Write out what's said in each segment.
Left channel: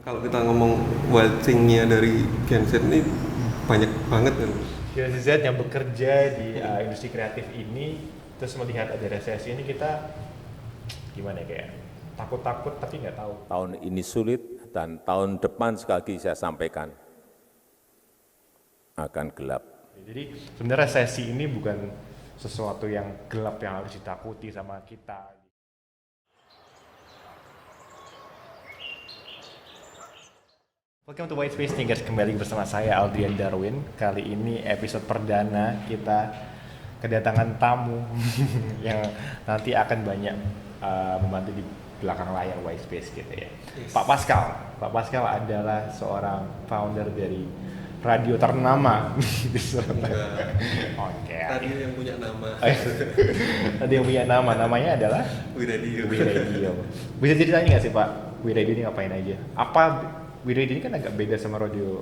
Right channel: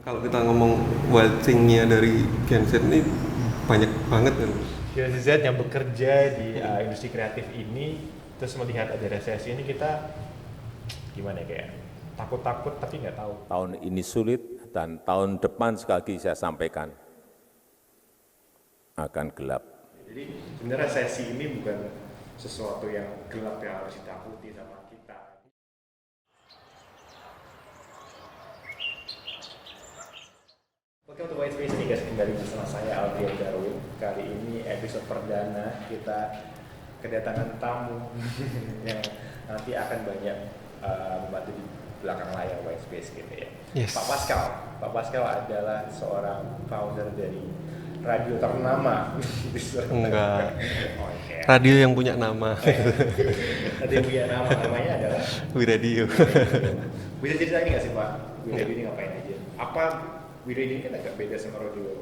Kalau kita ngomong wild thing-nya dari Gen Z ini banyak banget kan. Generasi Z yang bekerja di industri kreatif ini terus melihat ada resesi ini kita gimana ya, kayak takut-takut tapi nggak tahu. Tahun ini sulit dan tahun depan sekali lagi saya sampaikan akan gelap. Jadi sebenarnya resesi ini bukan sesuatu yang gelap yang harus ditakuti sama kita. Welcome to White Space nih guys, kembali bersama saya Aldrian Darwin. Kali ini episode perdana kita kedatangan tamu yang nanti akan banyak membantu di belakang layar White Space gitu ya. Yes. Pak Pascal. Pak Pascal adalah seorang founder dari radio ternama di Surabaya. Enggak. Oke. Radio yang punya nama. Tadi yang punya nama, namanya adalah Wiradio. Wiradio. Bisa ceritain nggak sih Pak, Wiradio ini ngapain aja? Apa Wiradio ini kan agak beda sama radio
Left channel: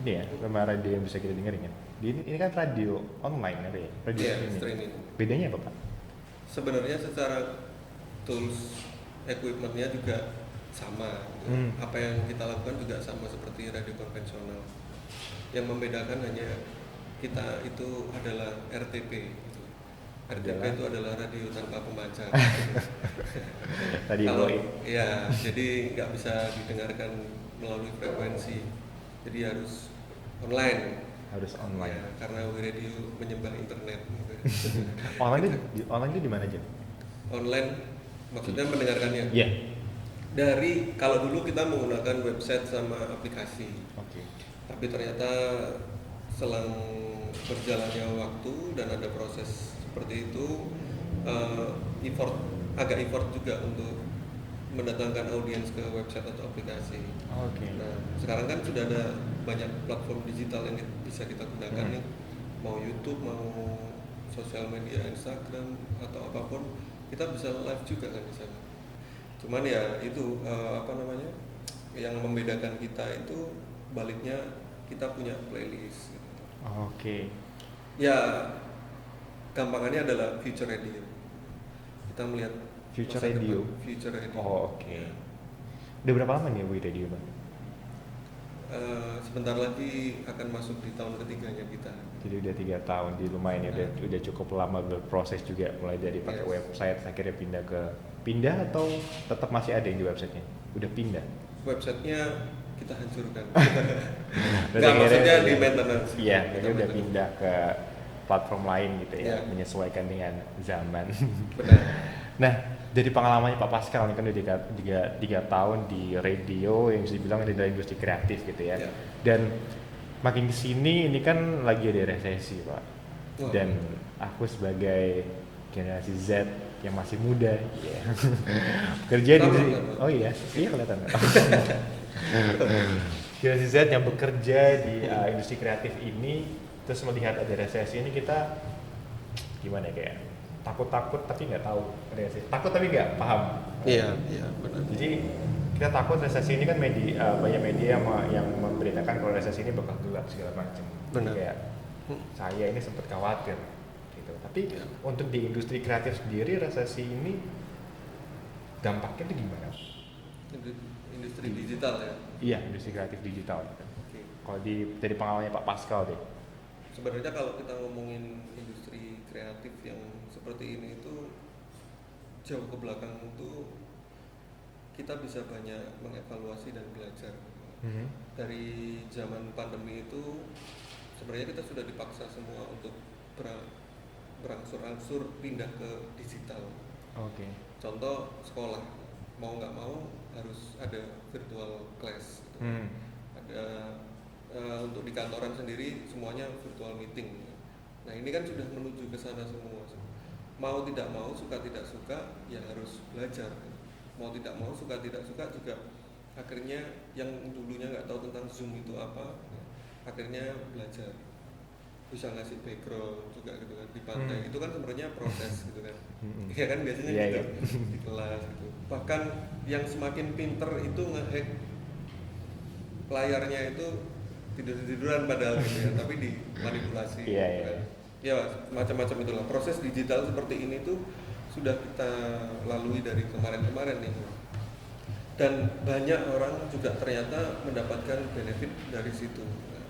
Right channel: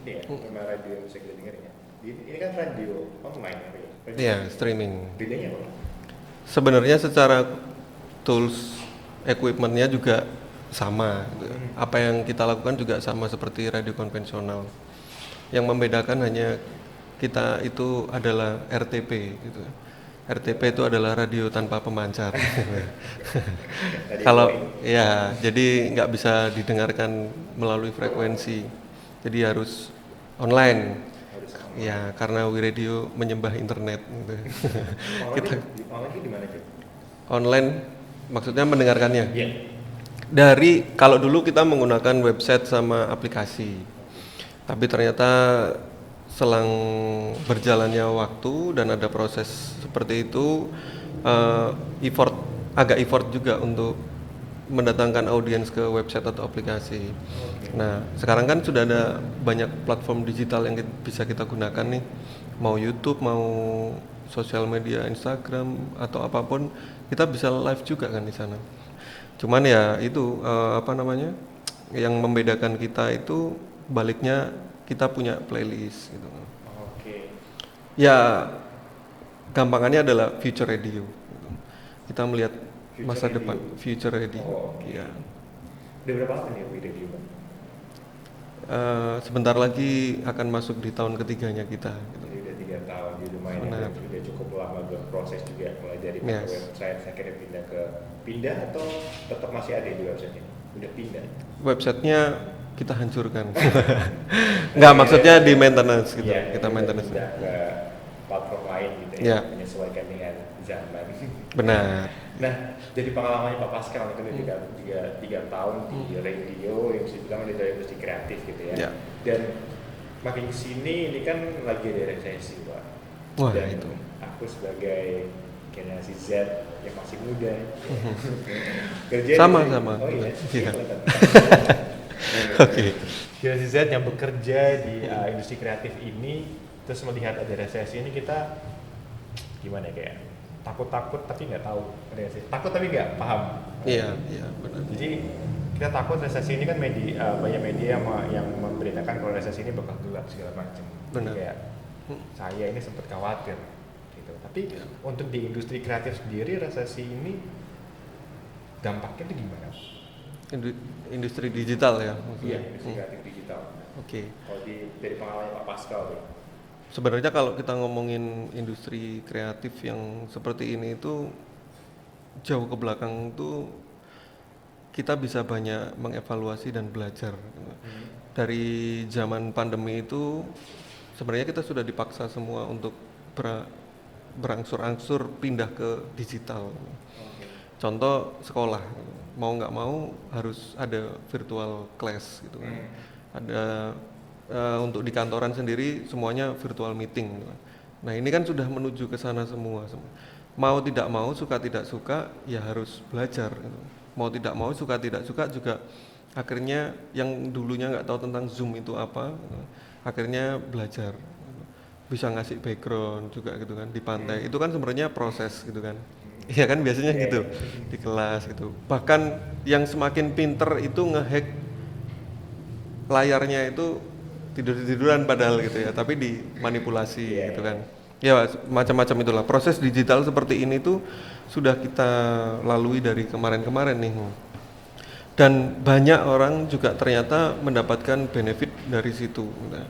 ini ya, sama radio yang bisa kita dengerin ya. Ini kan radio online ya, Pak ya? Radio Iya, streaming. Bedanya apa Pak? Sebenarnya secara tools, equipment-nya juga sama. Gitu. Apa yang kita lakukan juga sama seperti radio konvensional. Yang membedakan hanya kita itu adalah RTP gitu. RTP itu adalah radio tanpa pemancar. Radio Kalau point. ya, jadi nggak bisa didengarkan melalui frekuensi. Jadi harus online. Harus online. Ya, karena Wiradio menyembah internet. Gitu. Online itu di mana aja? Online, maksudnya mendengarkannya. Iya. Dari kalau dulu kita menggunakan website sama aplikasi. Tapi ternyata selang berjalannya waktu dan ada proses seperti itu, agak effort juga untuk mendatangkan audiens ke website atau aplikasi. Oke. Nah, sekarang kan sudah ada banyak platform digital yang bisa kita gunakan nih, mau YouTube, mau sosial media, Instagram atau apapun, kita bisa live juga kan di sana. Cuman ya itu yang membedakan kita itu baliknya kita punya playlist gitu. Oke. Ya, gampangannya adalah future radio. Kita melihat Future masa radio. depan future radio. Oh, oke. Ya. Udah berapa lama nih Wiradio Pak? Sebentar lagi akan masuk di tahun ketiganya kita. Jadi udah 3 tahun di lumayan ya, Benar. udah cukup lama berproses juga, mulai dari pakai Yes. website akhirnya pindah atau tetap masih ada yang di websitenya? Udah pindah. Websitenya kita hancurkan. Nggak, maksudnya di maintenance gitu. Iya, Kita udah maintenance. pindah ke platform lain gitu ya, Iya. menyesuaikan dengan zaman. Benar. Nah, dari pengalamannya Pak Pascal ini kan udah tiga tahun di radio yang bisa dibilang ada industri kreatif gitu ya. Iya. Dan makin kesini ini kan lagi ada resesi Pak. Wah, Dan itu. aku sebagai generasi Z yang masih muda kerja Sama. Oh iya, Iya. kelihatan. Oke. Generasi Z yang bekerja di industri kreatif ini terus melihat ada resesi ini kita gimana ya, kayak takut-takut tapi nggak tahu resesi, takut tapi nggak paham. Iya, benar. Jadi kita takut resesi ini kan banyak media yang memberitakan kalau resesi ini bakal gelap segala macam. Benar. Kayak saya ini sempat khawatir gitu. Tapi Iya. untuk di industri kreatif sendiri resesi ini dampaknya itu gimana? Industri digital ya. Iya, industri kreatif digital. Oke. Kalau dari pengalamannya Pak Pascal deh. Sebenarnya kalau kita ngomongin industri kreatif yang seperti ini itu jauh ke belakang tuh kita bisa banyak mengevaluasi dan belajar. Dari zaman pandemi itu sebenarnya kita sudah dipaksa semua untuk berangsur-angsur pindah ke digital. Oke. Contoh sekolah, mau nggak mau harus ada virtual class gitu. Ada untuk di kantoran sendiri semuanya virtual meeting. Nah ini kan sudah menuju ke sana semua. Mau tidak mau, suka tidak suka, ya harus belajar. Mau tidak mau, suka tidak suka juga akhirnya yang dulunya nggak tahu tentang Zoom itu apa, akhirnya belajar. Bisa ngasih background juga gitu kan di pantai. Itu kan sebenarnya proses gitu kan. Iya kan biasanya Iya, gitu iya. di kelas gitu. Bahkan yang semakin pinter itu ngehack layarnya itu tiduran padahal gitu ya, tapi dimanipulasi Iya, gitu iya. kan. Ya macam-macam itulah. Proses digital seperti ini tuh sudah kita lalui dari kemarin-kemarin nih. dan banyak orang juga ternyata mendapatkan benefit dari situ. Nah,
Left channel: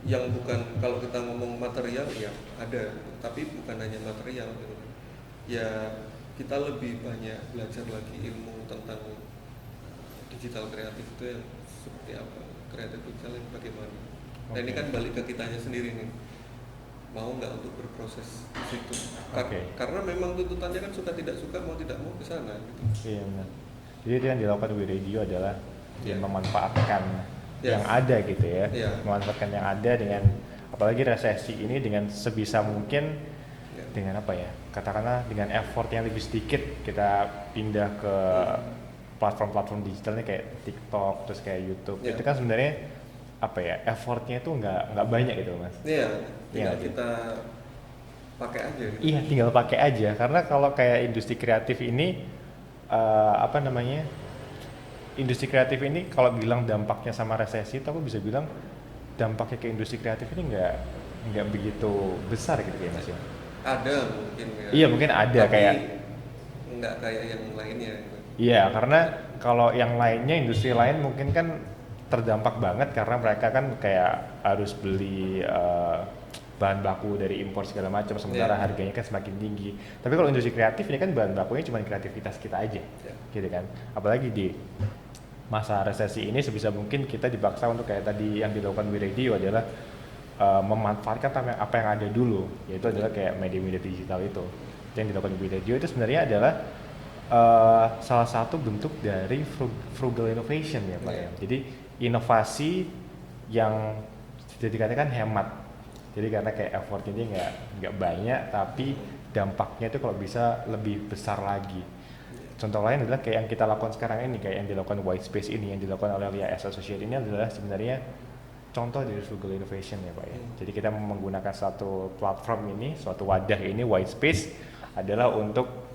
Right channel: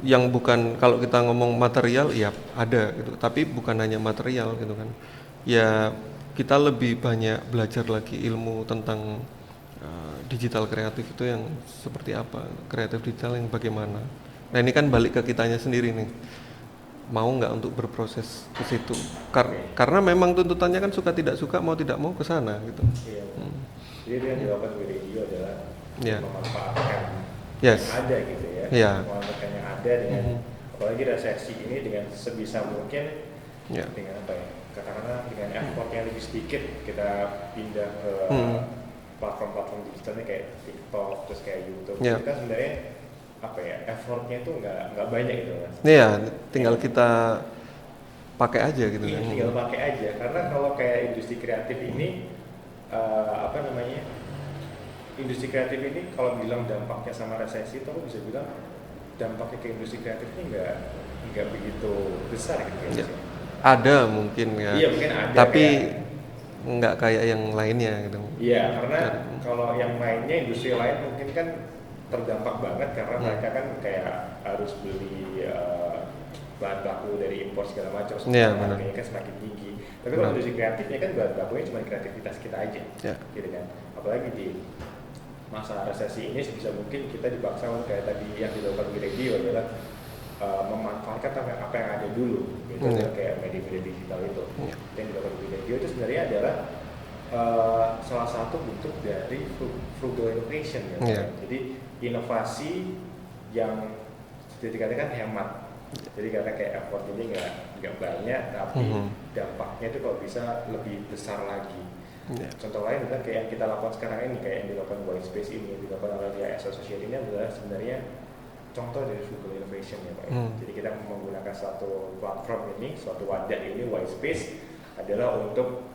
yang bukan, kalau kita ngomong material ya ada gitu, tapi bukan hanya material gitu kan. Ya kita lebih banyak belajar lagi ilmu tentang digital kreatif itu yang seperti apa, kreatif digital yang bagaimana. Nah ini kan balik ke kitanya sendiri nih, mau nggak untuk berproses ke situ. Karena memang tuntutannya kan suka tidak suka, mau tidak mau ke sana gitu. Iya. Jadi yang dilakukan WeRadio adalah memanfaatkan yang ada gitu ya, memanfaatkan yang ada dengan apalagi resesi ini dengan sebisa mungkin dengan apa ya, katakanlah dengan effort yang lebih sedikit kita pindah ke platform-platform digitalnya kayak TikTok, terus kayak YouTube. Itu kan sebenarnya apa ya, effortnya itu nggak banyak gitu Mas. Iya, tinggal kita pakai aja gitu. Iya, tinggal pakai aja. Karena kalau kayak industri kreatif ini industri kreatif ini kalau bilang dampaknya sama resesi, itu aku bisa bilang dampaknya ke industri kreatif ini nggak begitu besar gitu ya. Ada mungkin ya. Iya, mungkin ada. Tapi nggak kayak yang lainnya gitu. Iya, karena kalau yang lainnya, industri lain mungkin kan terdampak banget karena mereka kan kayak harus beli bahan baku dari impor segala macam, sementara harganya kan semakin tinggi. Tapi kalau industri kreatif ini kan bahan bakunya cuma kreativitas kita aja, gitu kan. Apalagi di masa resesi ini sebisa mungkin kita dipaksa untuk kayak tadi yang dilakukan WeRadio adalah memanfaatkan apa yang ada dulu, yaitu adalah kayak media-media digital itu. Yang dilakukan WeRadio itu sebenarnya adalah salah satu bentuk dari frugal innovation ya. Jadi inovasi yang dikatakan hemat. Jadi karena kayak effortnya ini nggak banyak, tapi dampaknya itu kalau bisa lebih besar lagi. Contoh lain adalah kayak yang kita lakukan sekarang ini, kayak yang dilakukan Whitespace ini, yang dilakukan oleh Lias Associate ini adalah sebenarnya contoh dari frugal innovation ya Pak. Jadi kita menggunakan suatu platform ini, suatu wadah ini, Whitespace adalah untuk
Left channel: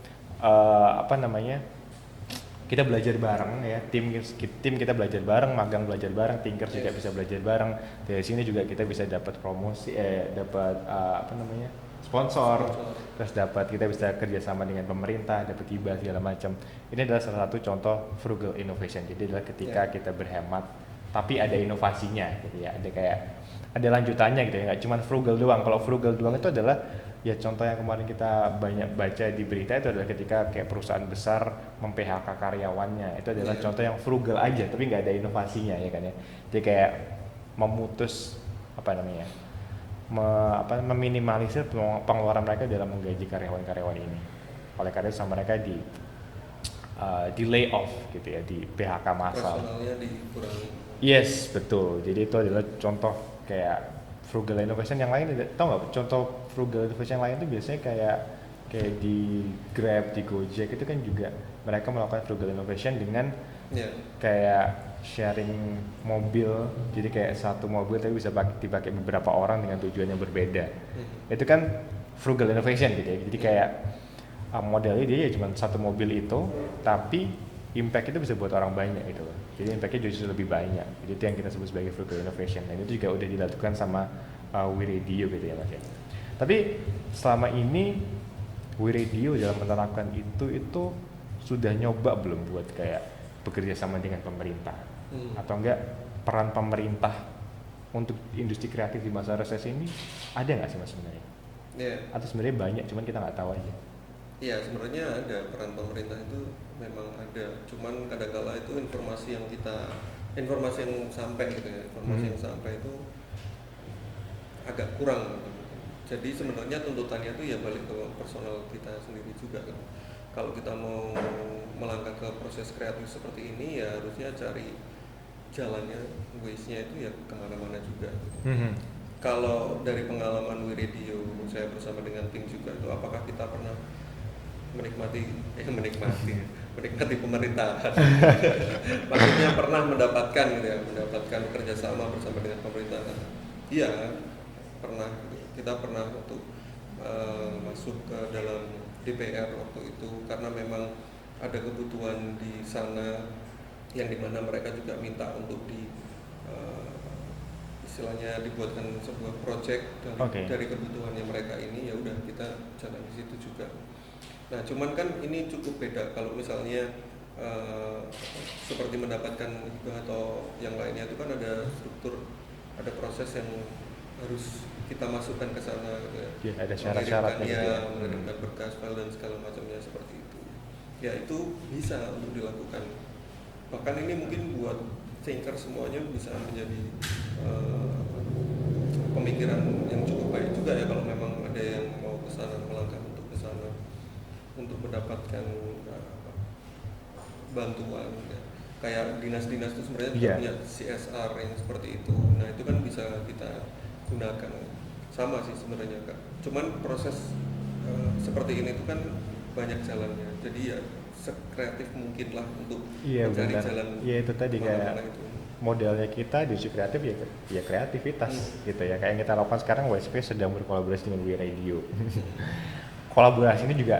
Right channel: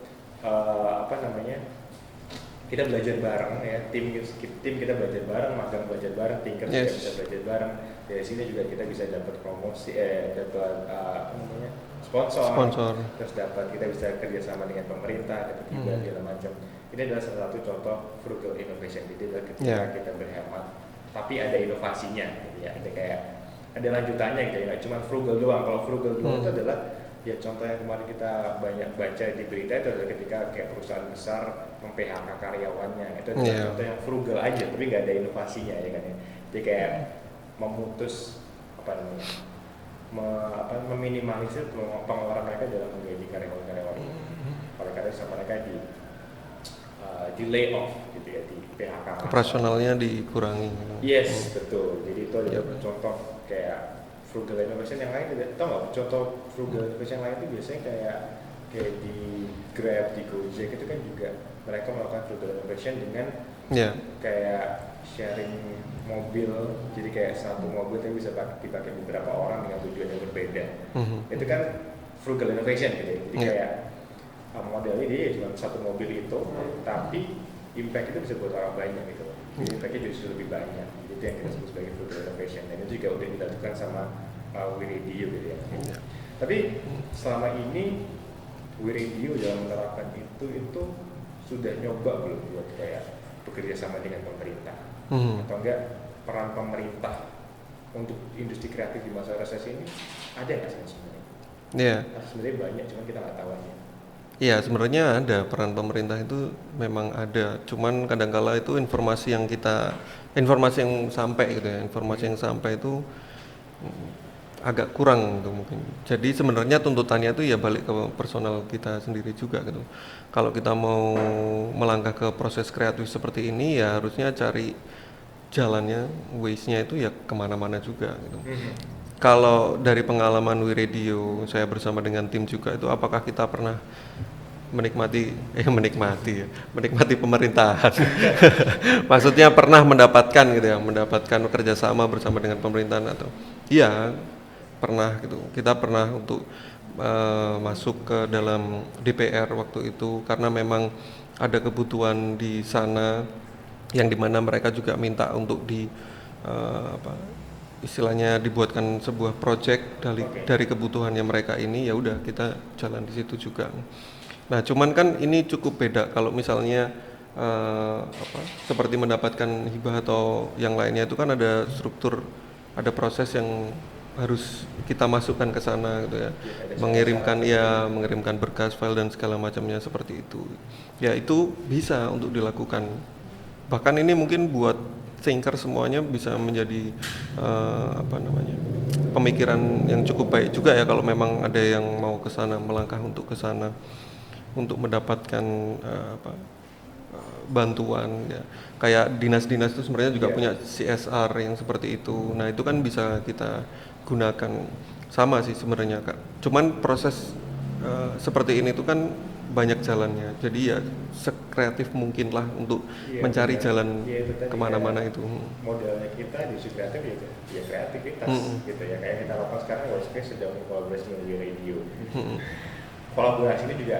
kita belajar bareng ya, tim kita belajar bareng, magang belajar bareng, Tinker juga bisa belajar bareng. Dari sini juga kita bisa dapat promosi, dapat sponsor, terus kita bisa kerjasama dengan pemerintah, dapat hibah segala macam. Ini adalah salah satu contoh frugal innovation. Jadi adalah ketika kita berhemat, tapi ada inovasinya, gitu ya. Ada lanjutannya gitu ya, nggak cuma frugal doang. Kalau frugal doang itu adalah ya contoh yang kemarin kita banyak baca di berita itu adalah ketika kayak perusahaan besar mem-PHK karyawannya. Itu adalah contoh yang frugal aja, tapi nggak ada inovasinya ya kan ya. Jadi kayak memutus meminimalisir pengeluaran mereka dalam menggaji karyawan-karyawan ini. Oleh karena itu sama mereka di lay off gitu ya, di PHK massal. Operasionalnya dikurangi. Yes, betul. Jadi itu adalah contoh kayak frugal innovation yang lain. Tau nggak contoh frugal innovation yang lain itu biasanya kayak di Grab, di Gojek itu kan juga mereka melakukan frugal innovation dengan kayak sharing mobil. Jadi kayak satu mobil tapi bisa dipakai beberapa orang dengan tujuan yang berbeda. Itu kan frugal innovation gitu ya. Jadi kayak modelnya dia cuma satu mobil itu, tapi impact itu bisa buat orang banyak gitu. Jadi impactnya justru lebih banyak. Itu yang kita sebut sebagai frugal innovation. Dan itu juga udah dilakukan sama WeRadio gitu ya. Tapi selama ini WeRadio dalam menerapkan itu sudah nyoba belum buat kayak bekerja sama dengan pemerintah? Atau enggak peran pemerintah untuk industri kreatif di masa resesi ini ada nggak sih sebenarnya? Atau sebenarnya banyak, cuman kita nggak tahu aja. Iya, sebenarnya ada peran pemerintah itu memang ada. Cuman kadangkala itu informasi yang sampai gitu ya, yang sampai itu agak kurang gitu mungkin. Jadi sebenarnya tuntutannya itu ya balik ke personal kita sendiri juga gitu. Kalau kita mau melangkah ke proses kreatif seperti ini ya harusnya cari jalannya, ways-nya itu ya kemana-mana juga gitu. Kalau dari pengalaman WeRadio, saya bersama dengan tim juga itu, apakah kita pernah menikmati pemerintahan? Maksudnya pernah mendapatkan gitu ya, mendapatkan kerjasama bersama dengan pemerintahan atau? Iya, pernah gitu. Kita pernah untuk masuk ke dalam DPR waktu itu karena memang ada kebutuhan di sana yang dimana mereka juga minta untuk istilahnya dibuatkan sebuah project dari kebutuhannya mereka ini, ya udah kita jalan di situ juga. Nah cuman kan ini cukup beda kalau misalnya seperti mendapatkan hibah atau yang lainnya itu kan ada struktur, ada proses yang harus kita masukkan ke sana gitu ya. Ada Mengirimkan syarat-syaratnya gitu. mengirimkan berkas, file dan segala macamnya seperti itu. Ya itu bisa untuk dilakukan. Bahkan ini mungkin buat thinker semuanya bisa menjadi pemikiran yang cukup baik juga ya kalau memang ada yang mau ke sana, melangkah untuk ke sana untuk mendapatkan bantuan ya. Kayak dinas-dinas itu sebenarnya juga punya CSR yang seperti itu. Nah, itu kan bisa kita gunakan sama sih sebenarnya Kak. Cuman proses seperti ini tuh kan banyak jalannya. Jadi ya sekreatif mungkin lah untuk mencari jalan itu tadi kemana-mana itu. Modalnya kita di kreatif ya kreativitas gitu ya. Kayak yang kita lakukan sekarang, WSP sedang berkolaborasi dengan We Radio. Kolaborasi ini juga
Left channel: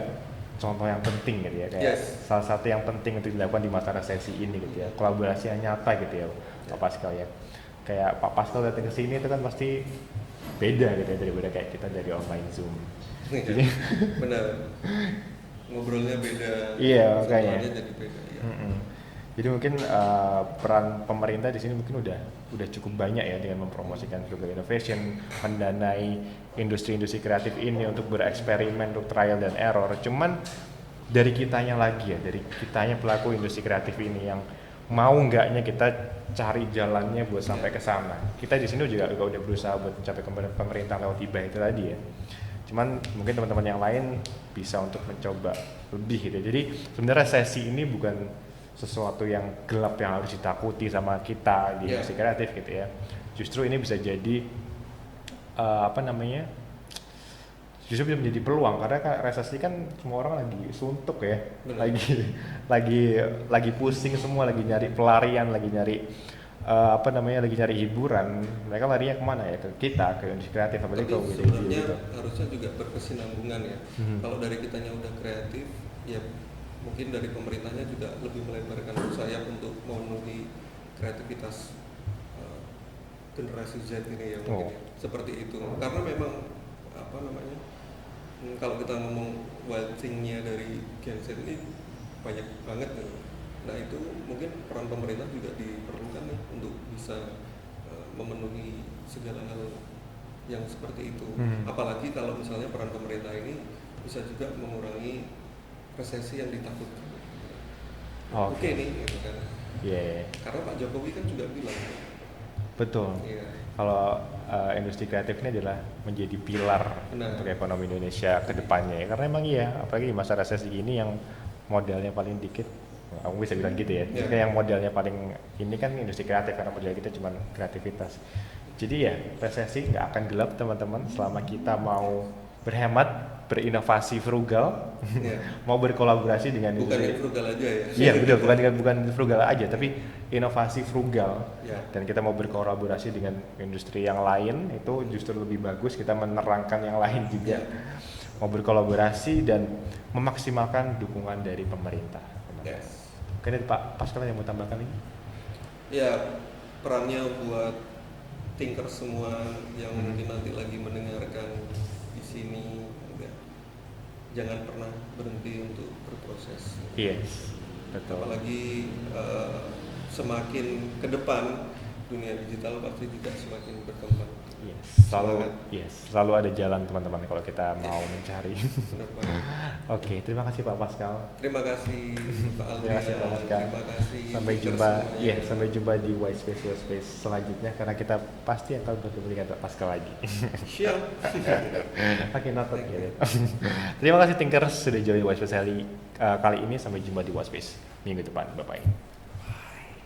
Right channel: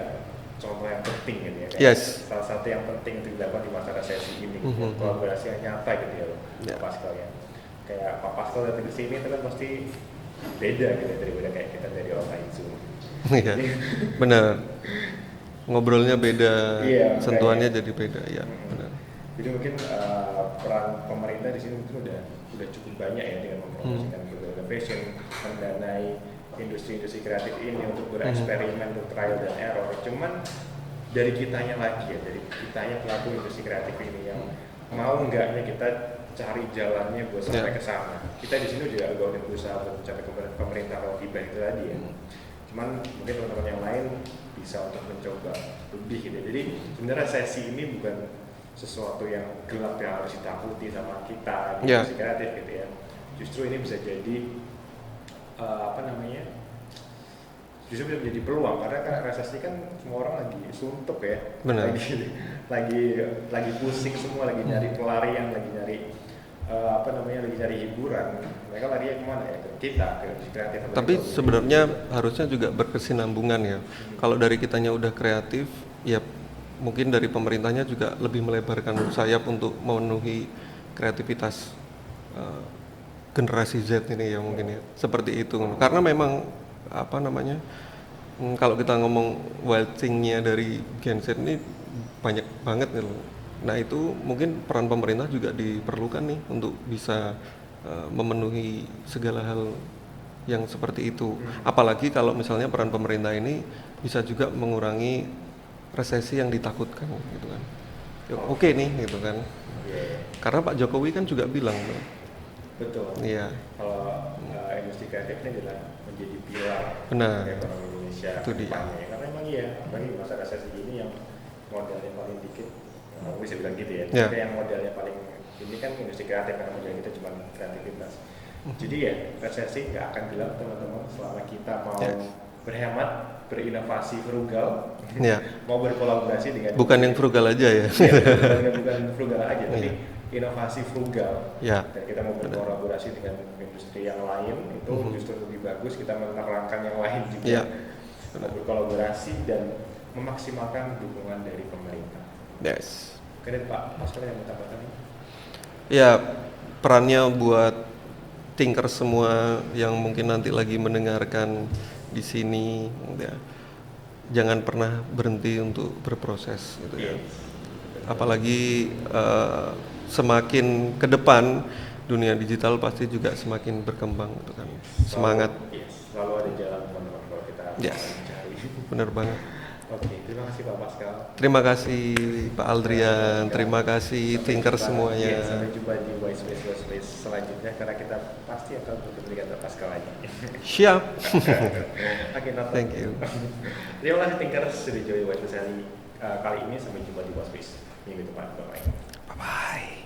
contoh yang penting gitu ya. Kayak salah satu yang penting untuk dilakukan di masa resesi ini gitu ya. Kolaborasi yang nyata gitu ya, Pak Pascal ya. Kayak Pak Pascal datang ke sini itu kan pasti beda gitu daripada kayak kita dari online Zoom. Iya, benar. Ngobrolnya beda, sentuhannya jadi beda ya. Jadi mungkin peran pemerintah di sini mungkin udah cukup banyak ya dengan mempromosikan Google Innovation, mendanai industri-industri kreatif ini untuk bereksperimen, untuk trial dan error. Cuman dari kitanya lagi ya, dari kitanya pelaku industri kreatif ini yang mau enggaknya kita cari jalannya buat sampai ke sana. Kita di sini juga udah berusaha buat mencapai pemerintah lewat hibah itu tadi ya. Cuman mungkin teman-teman yang lain bisa untuk mencoba lebih gitu. Jadi sebenarnya sesi ini bukan sesuatu yang gelap yang harus ditakuti sama kita di industri kreatif gitu ya. Justru ini bisa jadi justru bisa menjadi peluang karena resesi kan semua orang lagi suntuk ya. Benar. lagi pusing semua, lagi nyari pelarian, lagi nyari lagi nyari hiburan. Mereka larinya kemana ya? Ke kita, ke industri kreatif. Tapi sebenarnya harusnya juga berkesinambungan ya. Kalau dari kitanya udah kreatif, ya mungkin dari pemerintahnya juga lebih melebarkan sayap untuk memenuhi kreativitas generasi Z ini ya mungkin ya. Seperti itu. Karena memang kalau kita ngomong wild thing-nya dari Gen Z ini banyak banget gitu. Nah itu mungkin peran pemerintah juga diperlukan nih untuk bisa memenuhi segala hal yang seperti itu. Apalagi kalau misalnya peran pemerintah ini bisa juga mengurangi resesi yang ditakutkan gitu kan. Oke nih gitu kan. Karena Pak Jokowi kan juga bilang. Betul. Iya. Kalau industri kreatif ini adalah menjadi pilar untuk ekonomi Indonesia ke depannya. Karena emang apalagi di masa resesi ini yang modalnya paling dikit, kamu bisa bilang gitu ya. Tapi yang modalnya paling ini kan industri kreatif karena modal kita cuma kreativitas. Jadi ya resesi nggak akan gelap teman-teman selama kita mau berhemat, berinovasi frugal, mau berkolaborasi dengan bukan yang frugal aja ya. bukan frugal aja, tapi inovasi frugal dan kita mau berkolaborasi dengan industri yang lain itu justru lebih bagus. Kita menerangkan yang lain juga mau berkolaborasi dan memaksimalkan dukungan dari pemerintah. Mungkin Pak Pascal yang mau tambahkan ini? Ya, perannya buat thinker semua yang mungkin nanti lagi mendengarkan di sini ya, jangan pernah berhenti untuk berproses gitu. Apalagi semakin ke depan dunia digital pasti juga semakin berkembang gitu kan. Semangat. Selalu ada jalan teman-teman kalau kita mau mencari. Benar banget. Oke, terima kasih Pak Pascal. Terima kasih Pak Aldrian, terima kasih thinker semuanya. Sampai jumpa di White Space selanjutnya karena kita pasti akan bertemu dengan Pak Pascal lagi. Siap. Thank you. Terima kasih thinkers sudah join White Space kali ini. Sampai jumpa di White Space minggu depan. Bye bye.